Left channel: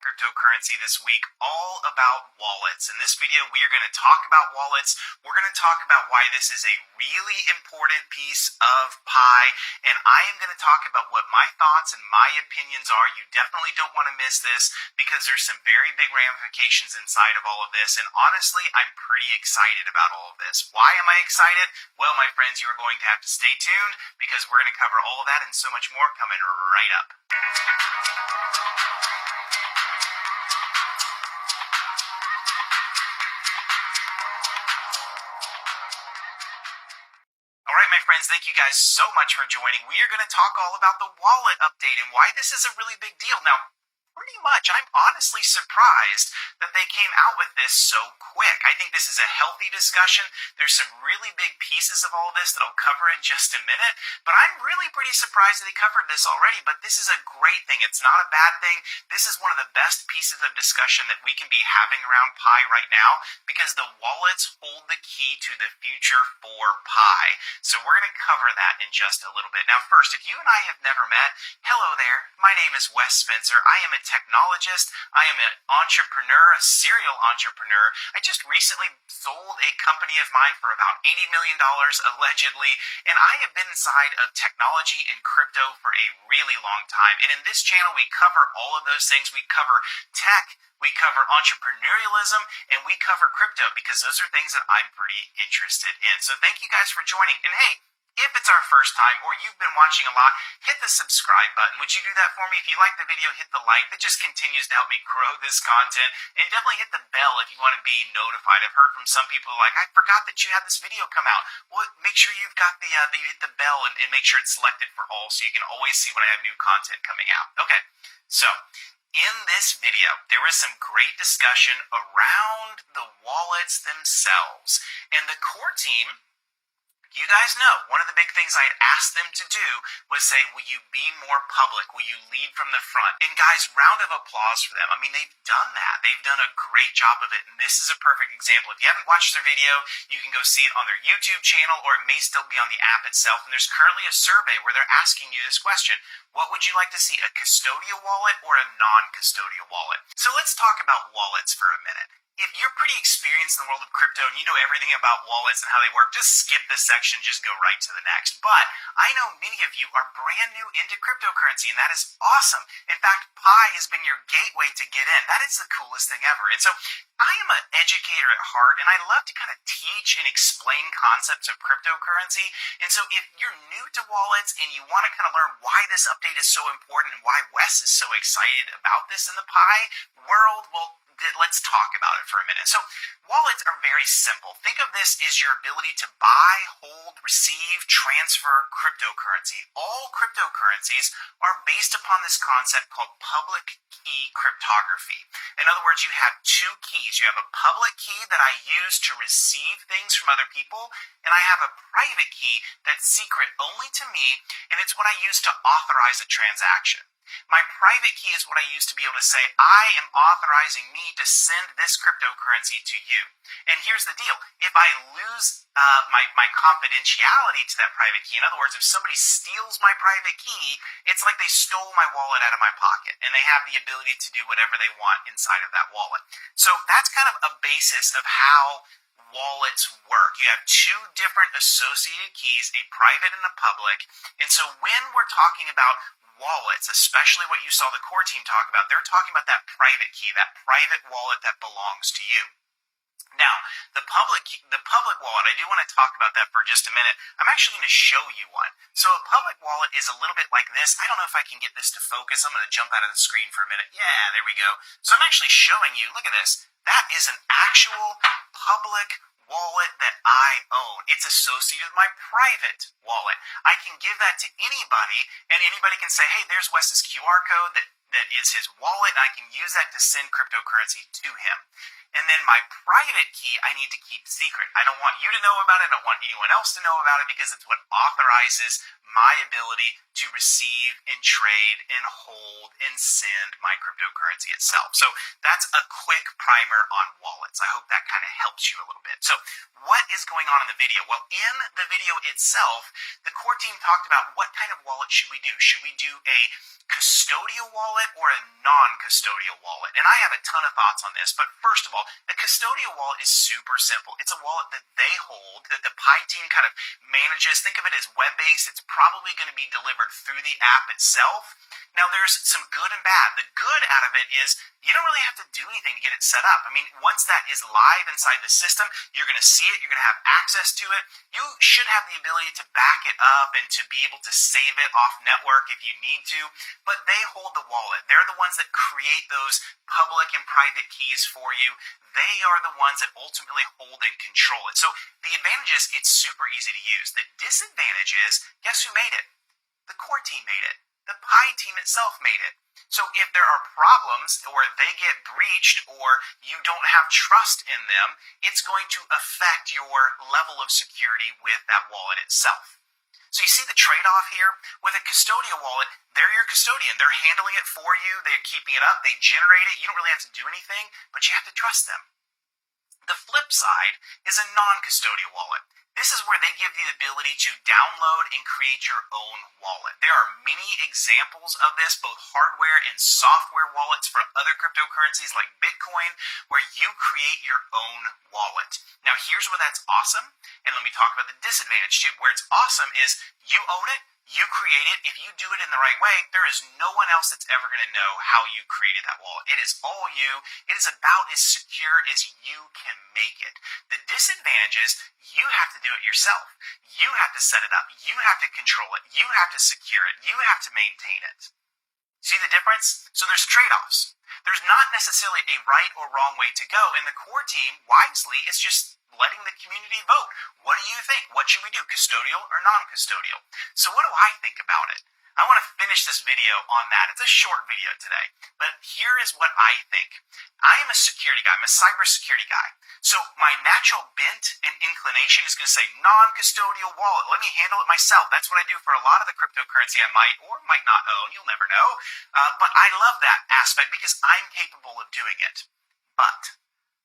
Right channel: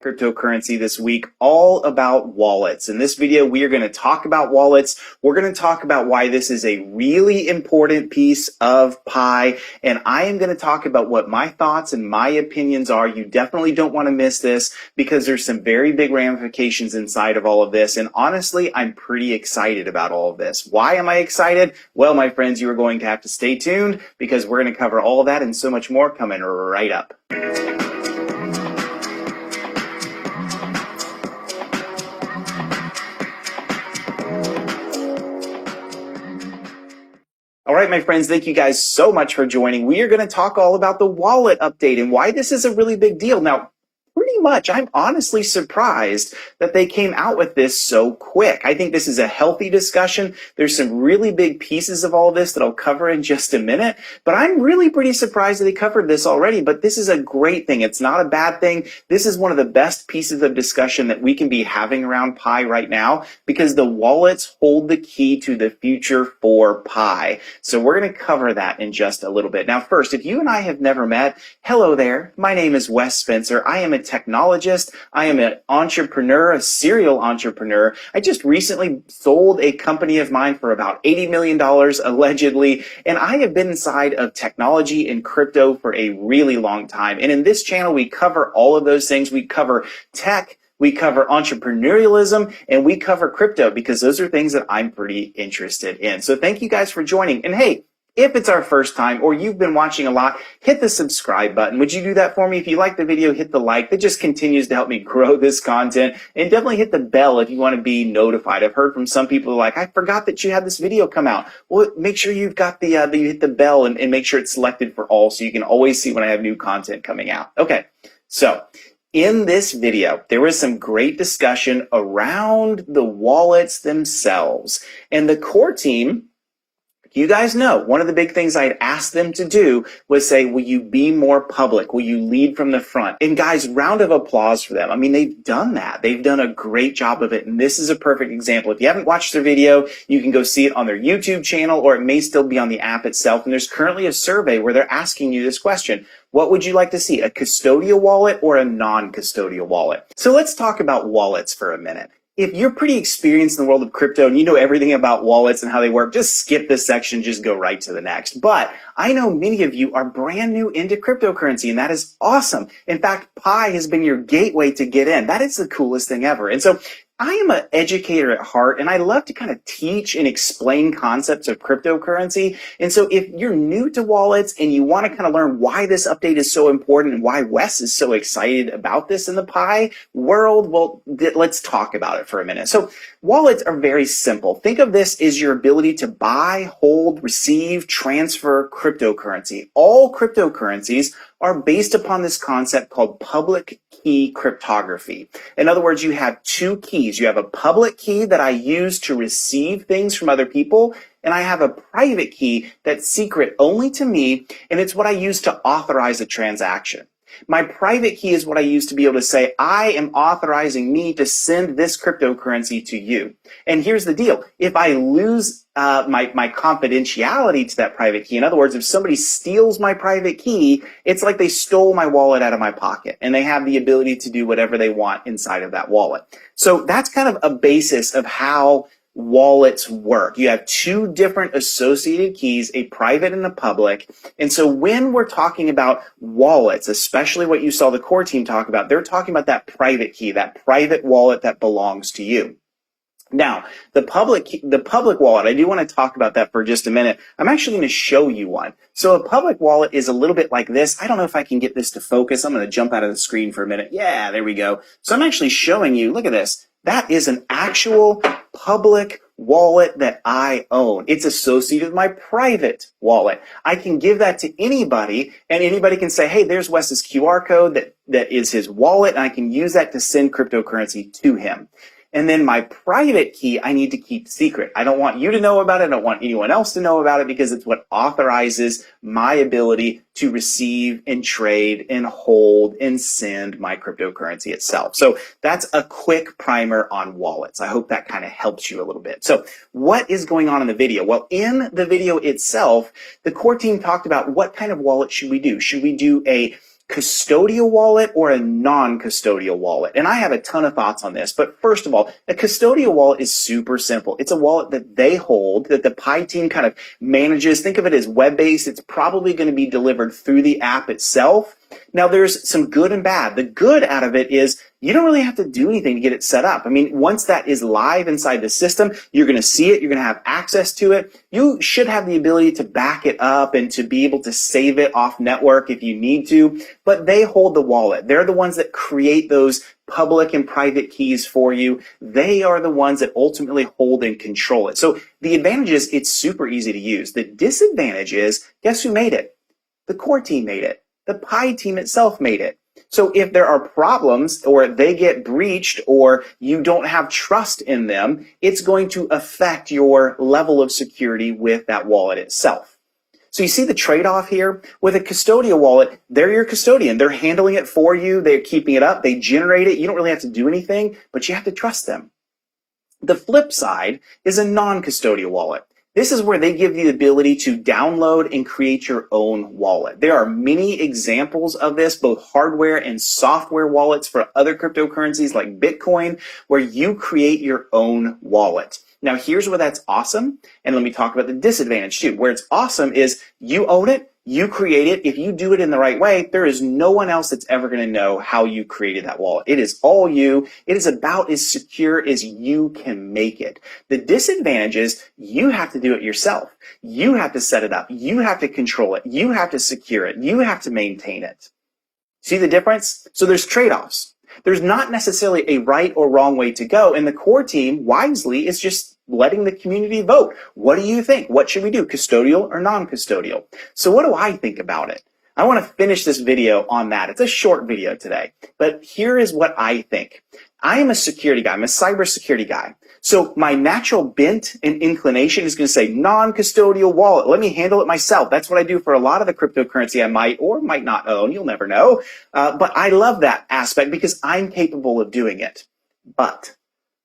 Cryptocurrency this week, all about wallets. In this video, we are going to talk about wallets. We're going to talk about why this is a really important piece of Pi, and I am going to talk about what my thoughts and my opinions are. You definitely don't want to miss this because there's some very big ramifications inside of all of this, and honestly, I'm pretty excited about all of this. Why am I excited? Well, my friends, you are going to have to stay tuned because we're going to cover all of that and so much more coming right up. All right, my friends, thank you guys so much for joining. We are going to talk all about the wallet update and why this is a really big deal. Now, pretty much, I'm honestly surprised that they came out with this so quick. I think this is a healthy discussion. There's some really big pieces of all this that I'll cover in just a minute, but I'm really pretty surprised that they covered this already, but this is a great thing. It's not a bad thing. This is one of the best pieces of discussion that we can be having around Pi right now because the wallets hold the key to the future for Pi. So we're going to cover that in just a little bit. Now, first, if you and I have never met, hello there. My name is Wes Spencer. I am a technologist. I am an entrepreneur, a serial entrepreneur. I just recently sold a company of mine for about $80 million allegedly, and I have been inside of technology and crypto for a really long time. And in this channel, we cover all of those things. We cover tech, we cover entrepreneurialism, and we cover crypto because those are things that I'm pretty interested in. So thank you guys for joining. And hey, if it's our first time or you've been watching a lot, hit the subscribe button. Would you do that for me? If you like the video, hit the like. That just continues to help me grow this content. And definitely hit the bell if you want to be notified. I've heard from some people like, I forgot that you had this video come out. Well, make sure you've got you hit the bell and make sure it's selected for all so you can always see when I have new content coming out. Okay, so in this video, there was some great discussion around the wallets themselves. And the core team, you guys know, one of the big things I had asked them to do was say, will you be more public? Will you lead from the front? And guys, round of applause for them. I mean, they've done that. They've done a great job of it. And this is a perfect example. If you haven't watched their video, you can go see it on their YouTube channel, or it may still be on the app itself. And there's currently a survey where they're asking you this question. What would you like to see, a custodial wallet or a non-custodial wallet? So let's talk about wallets for a minute. If you're pretty experienced in the world of crypto and you know everything about wallets and how they work, just skip this section, just go right to the next. But I know many of you are brand new into cryptocurrency, and that is awesome. In fact, Pi has been your gateway to get in. That is the coolest thing ever. And so I am an educator at heart, and I love to kind of teach and explain concepts of cryptocurrency. And so if you're new to wallets and you want to kind of learn why this update is so important and why Wes is so excited about this in the Pi world, well, let's talk about it for a minute. So wallets are very simple. Think of this as your ability to buy, hold, receive, transfer cryptocurrency. All cryptocurrencies are based upon this concept called public key cryptography. In other words, you have two keys. You have a public key that I use to receive things from other people, and I have a private key that's secret only to me, and it's what I use to authorize a transaction. My private key is what I use to be able to say, I am authorizing me to send this cryptocurrency to you. And here's the deal. If I lose my confidentiality to that private key, in other words, if somebody steals my private key, it's like they stole my wallet out of my pocket, and they have the ability to do whatever they want inside of that wallet. So that's kind of a basis of how wallets work. You have two different associated keys, a private and a public. And so when we're talking about wallets, especially what you saw the core team talk about, they're talking about that private key, that private wallet that belongs to you. Now, the public wallet, I do want to talk about that for just a minute. I'm actually going to show you one. So a public wallet is a little bit like this. I don't know if I can get this to focus. I'm going to jump out of the screen for a minute. Yeah, there we go. So I'm actually showing you, look at this. That is an actual public wallet that I own. It's associated with my private wallet. I can give that to anybody, and anybody can say, hey, there's Wes's QR code that is his wallet, and I can use that to send cryptocurrency to him. And then my private key, I need to keep secret. I don't want you to know about it. I don't want anyone else to know about it because it's what authorizes my ability to receive and trade and hold and send my cryptocurrency itself. So that's a quick primer on wallets. I hope that kind of helps you a little bit. So what is going on in the video? Well, in the video itself, the core team talked about what kind of wallet should we do? Should we do a custodial wallet or a non-custodial wallet? And I have a ton of thoughts on this, but first of all, a custodial wallet is super simple. It's a wallet that they hold, that the Pi team kind of manages. Think of it as web-based. It's probably going to be delivered through the app itself. Now, there's some good and bad. The good out of it is you don't really have to do anything to get it set up. I mean, once that is live inside the system, you're going to see it. You're going to have access to it. You should have the ability to back it up and to be able to save it off network if you need to, but they hold the wallet. They're the ones that create those public and private keys for you. They are the ones that ultimately hold and control it. So the advantage is it's super easy to use. The disadvantage is, guess who made it? The core team made it. The Pi team itself made it. So if there are problems or they get breached or you don't have trust in them, it's going to affect your level of security with that wallet itself. So you see the trade-off here? With a custodial wallet, they're your custodian. They're handling it for you. They're keeping it up. They generate it. You don't really have to do anything, but you have to trust them. The flip side is a non-custodial wallet. This is where they give you the ability to download and create your own wallet. There are many examples of this, both hardware and software wallets for other cryptocurrencies like Bitcoin, where you create your own wallet. Now, here's where that's awesome. And let me talk about the disadvantage too. Where it's awesome is you own it. You create it. If you do it in the right way, there is no one else that's ever going to know how you created that wallet. It is all you. It is about as secure as you can make it. The disadvantage is you have to do it yourself. You have to set it up. You have to control it. You have to secure it. You have to maintain it. See the difference? So there's trade-offs. There's not necessarily a right or wrong way to go. And the core team wisely is just letting the community vote. What do you think? What should we do? Custodial or non-custodial? So what do I think about it? I want to finish this video on that. It's a short video today, but here is what I think. I am a security guy. I'm a cybersecurity guy. So my natural bent and inclination is going to say non-custodial wallet. Let me handle it myself. That's what I do for a lot of the cryptocurrency I might or might not own. You'll never know. But I love that aspect because I'm capable of doing it. But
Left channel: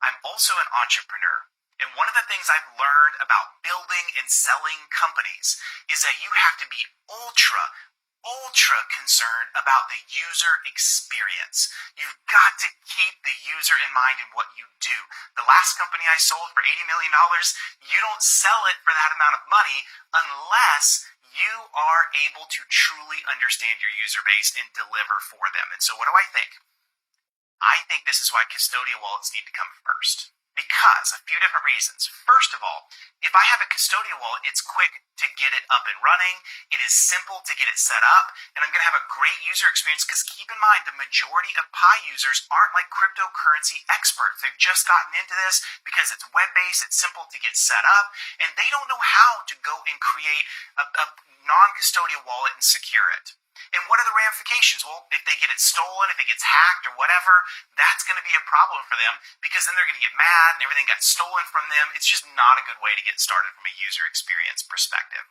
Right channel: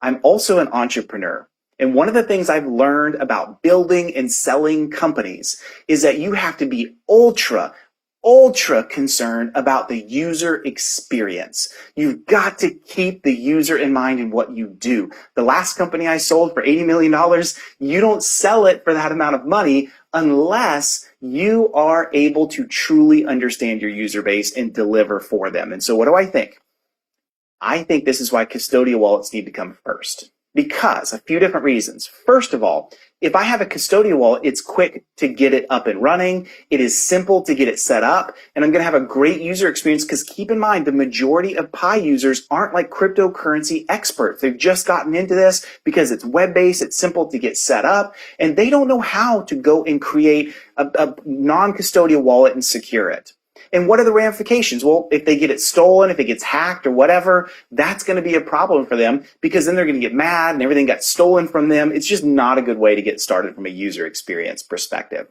I'm also an entrepreneur. And one of the things I've learned about building and selling companies is that you have to be ultra concerned about the user experience. You've got to keep the user in mind in what you do. The last company I sold for $80 million, you don't sell it for that amount of money unless you are able to truly understand your user base and deliver for them. And so what do I think? I think this is why custodial wallets need to come first. Because a few different reasons. First of all, if I have a custodial wallet, it's quick to get it up and running. It is simple to get it set up, and I'm going to have a great user experience because keep in mind, the majority of Pi users aren't like cryptocurrency experts. They've just gotten into this because it's web-based, it's simple to get set up, and they don't know how to go and create a non-custodial wallet and secure it. And what are the ramifications? Well, if they get it stolen, if it gets hacked or whatever, that's going to be a problem for them because then they're going to get mad and everything got stolen from them. It's just not a good way to get started from a user experience perspective.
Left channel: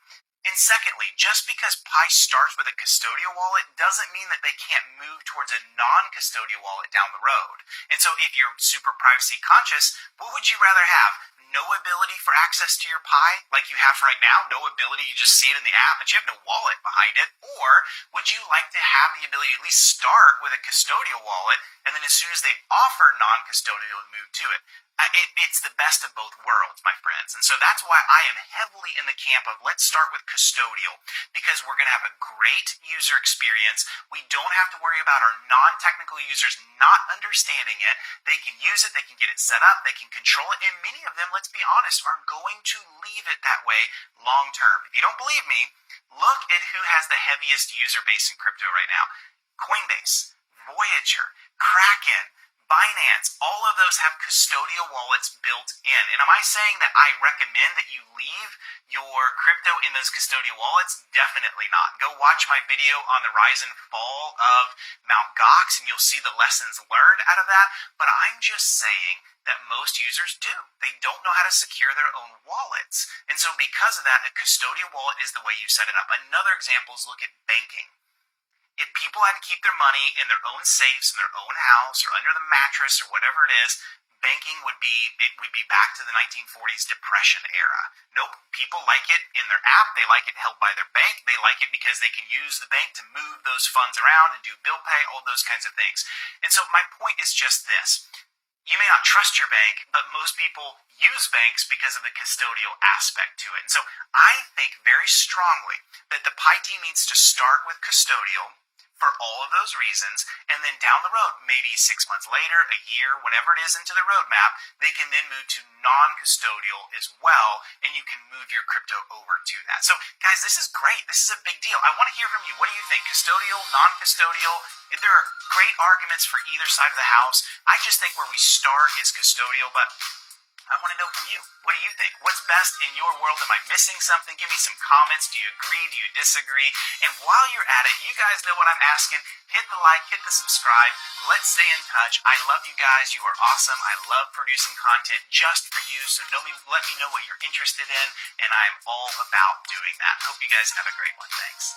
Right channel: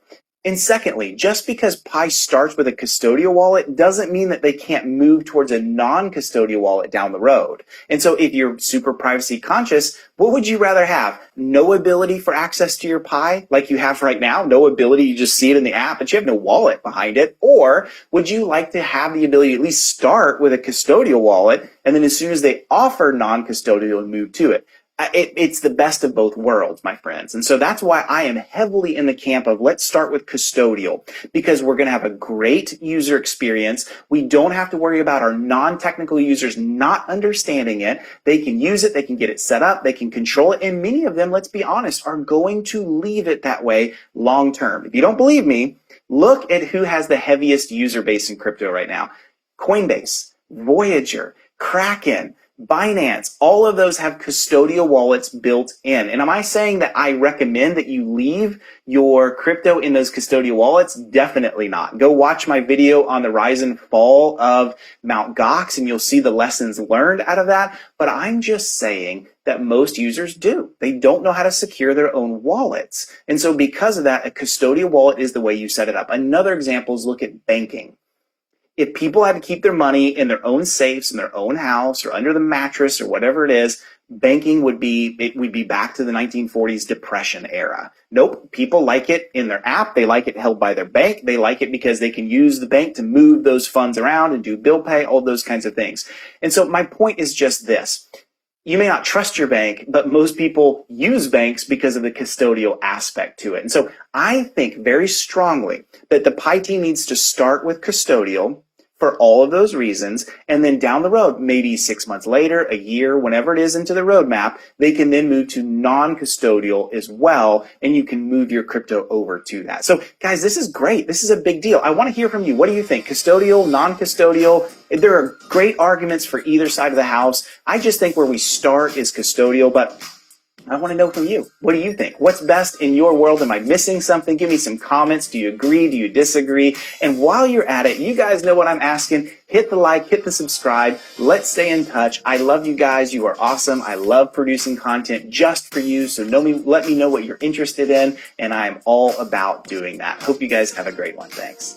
And secondly, just because Pi starts with a custodial wallet doesn't mean that they can't move towards a non-custodial wallet down the road. And so if you're super privacy conscious, what would you rather have? No ability for access to your Pi like you have right now? No ability, you just see it in the app, but you have no wallet behind it? Or would you like to have the ability to at least start with a custodial wallet and then as soon as they offer non-custodial, move to it? It's the best of both worlds, my friends. And so that's why I am heavily in the camp of let's start with custodial because we're going to have a great user experience. We don't have to worry about our non-technical users not understanding it. They can use it. They can get it set up. They can control it. And many of them, let's be honest, are going to leave it that way long term. If you don't believe me, look at who has the heaviest user base in crypto right now. Coinbase, Voyager, Kraken, Binance, all of those have custodial wallets built in. And am I saying that I recommend that you leave your crypto in those custodial wallets? Definitely not. Go watch my video on the rise and fall of Mt. Gox and you'll see the lessons learned out of that. But I'm just saying that most users do. They don't know how to secure their own wallets. And so because of that, a custodial wallet is the way you set it up. Another example is look at banking. If people had to keep their money in their own safes, in their own house, or under the mattress, or whatever it is, banking would be back to the 1940s Depression era. Nope, people like it in their app. They like it held by their bank. They like it because they can use the bank to move those funds around and do bill pay, all those kinds of things. And so my point is just this. You may not trust your bank, but most people use banks because of the custodial aspect to it. And so I think very strongly that the PI team needs to start with custodial for all of those reasons, and then down the road, maybe 6 months later, a year, whenever it is into the roadmap, they can then move to non-custodial as well, and you can move your crypto over to that. So guys, this is great. This is a big deal. I want to hear from you. What do you think? Custodial, non-custodial? There are great arguments for either side of the house. I just think where we start is custodial, but I want to know from you. What do you think? What's best in your world? Am I missing something? Give me some comments. Do you agree? Do you disagree? And while you're at it, you guys know what I'm asking. Hit the like, hit the subscribe. Let's stay in touch. I love you guys. You are awesome. I love producing content just for you. So let me know what you're interested in. And I am all about doing that. Hope you guys have a great one. Thanks.